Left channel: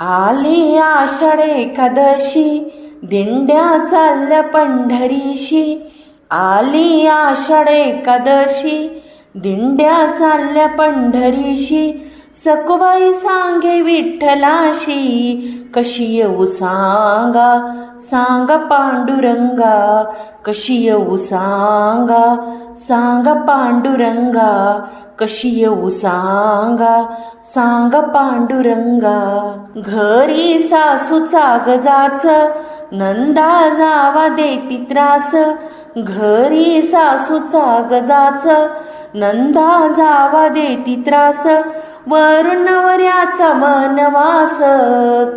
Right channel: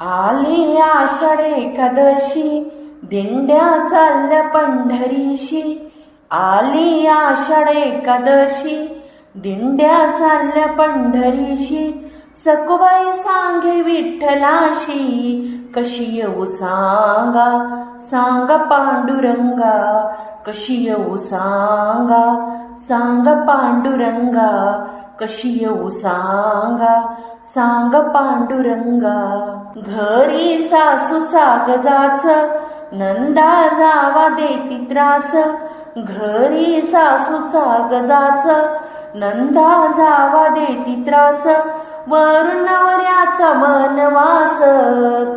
आली आषाढ एकादशी दिंड्या चालल्या पंढरीशी. आली आषाढ एकादशी दिंड्या चालल्या पंढरीशी. सकुबाई सांगे विठ्ठलाशी कशी येऊ सांगा? सांगा पांडुरंगा कशी येऊ सांगा? सांगा पांडुरंगा कशी येऊ सांगा? सांग पांडुरंगा घरी सासूचा गजाच नंदा जावा देती त्रास. घरी सासूचा गजाच नंदा जावा देती त्रास. वरुणवऱ्याचा वनवास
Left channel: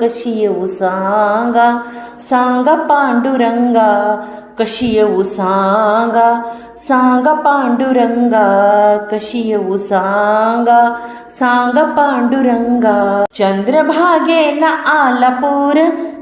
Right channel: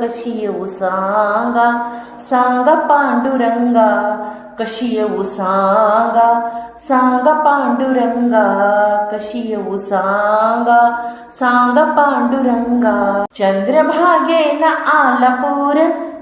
कशी येऊ सांगा? सांगा पांडुरंगा कशी येऊ सांगा? सांगा पांडुरंगा कशी येऊ सांगा? सांगा पांडुरंगा. चंद्रभागेन आला पूर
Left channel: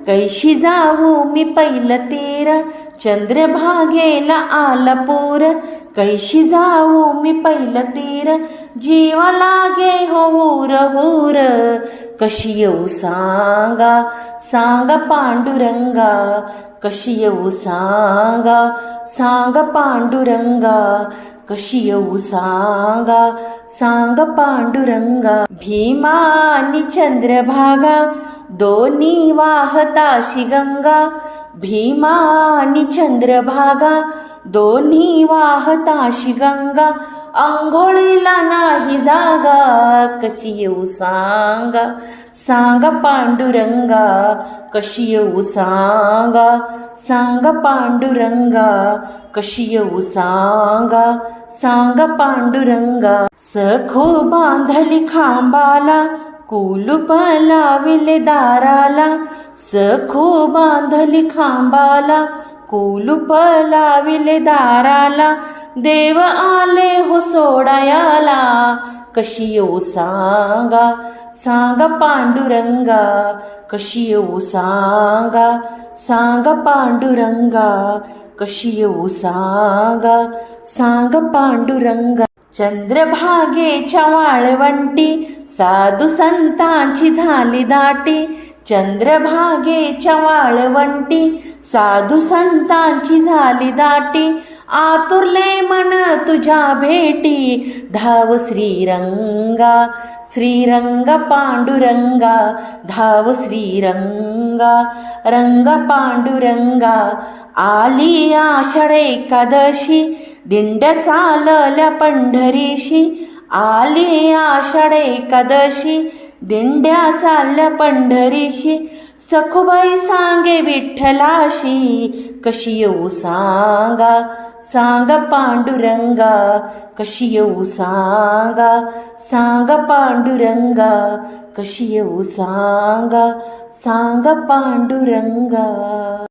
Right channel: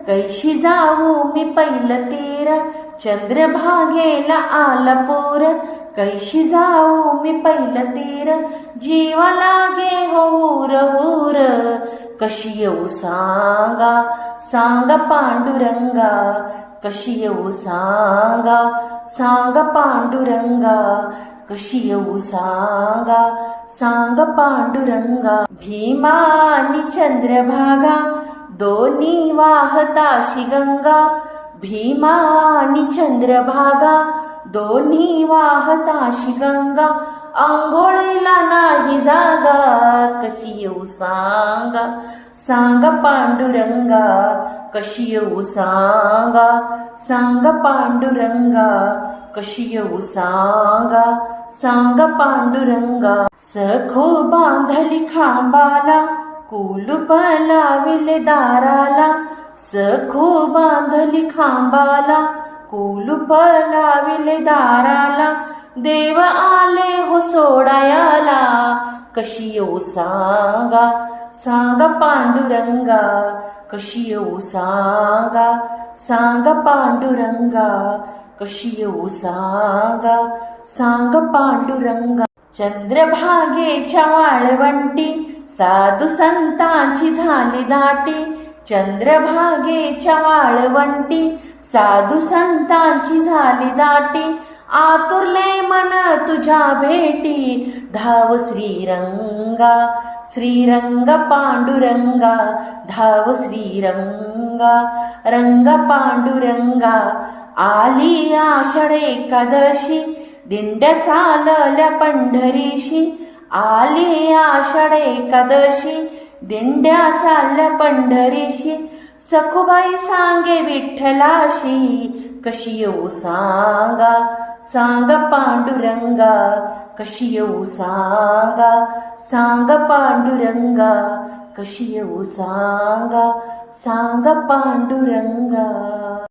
कैशी जाऊ मी पहिलं तेरा? चंद्रभागेला आला पोर. कैशी जाऊ मी पहिलं तेरा? जीव लागे हो होर कशी येऊ सांगा? सांगा पांडुरंगा. कशी येऊ सांगा? सांगा पांडुरंगा. कशी येऊ सांगा? सांग पांडुरंगा. भीमा आणि चंद्रभागा. दोन्ही वाहताशी गंगा भीमा आणि चंद्रभागा. दोन्ही वाहताशी गंगा आंघोळीला नाही जागा कशी येऊ सांगा. सांगा पांडुरंगा कशी येऊ सांगा. सांगा पांडुरंगा कशी येऊ सांगा. सांगा पांडुरंगा सखो बांधली खांबाला कुलूप लाविले दाराला सखो बांधली खांबाला. कुलूप लाविले दाराला देव आले हो सोडायाला. कशी येऊ सांगा सांगा पांडुरंगा कशी येऊ सांगा सांगा पांडुरंगा कशी येऊ सांगा सांग पांडुरंगा. चंद्रभागेच्या वाळवंटी साधू संतांची झाली दाटी. चंद्रभागेच्या वाळवंटी साधू संतांची झाली दाटी. आतुरले मन तुझ्या भेटी धाव श्रीरंगा श्रीरंग पांडुरंगा धाव श्रीरंगा रंग पांडुरंगा. आली आषाढ एकादशी दिंड्या चालल्या पंढरीशी आली आषाढ एकादशी. दिंड्या चालल्या पंढरीशी सखुबाई सांगे विठ्ठलाशी. कशी येऊ सांगा सांग पांडुरंगा. कशी येऊ सांगा सांग पांडुरंगा. कशी येऊ सांगा सांग पांडुरंगा.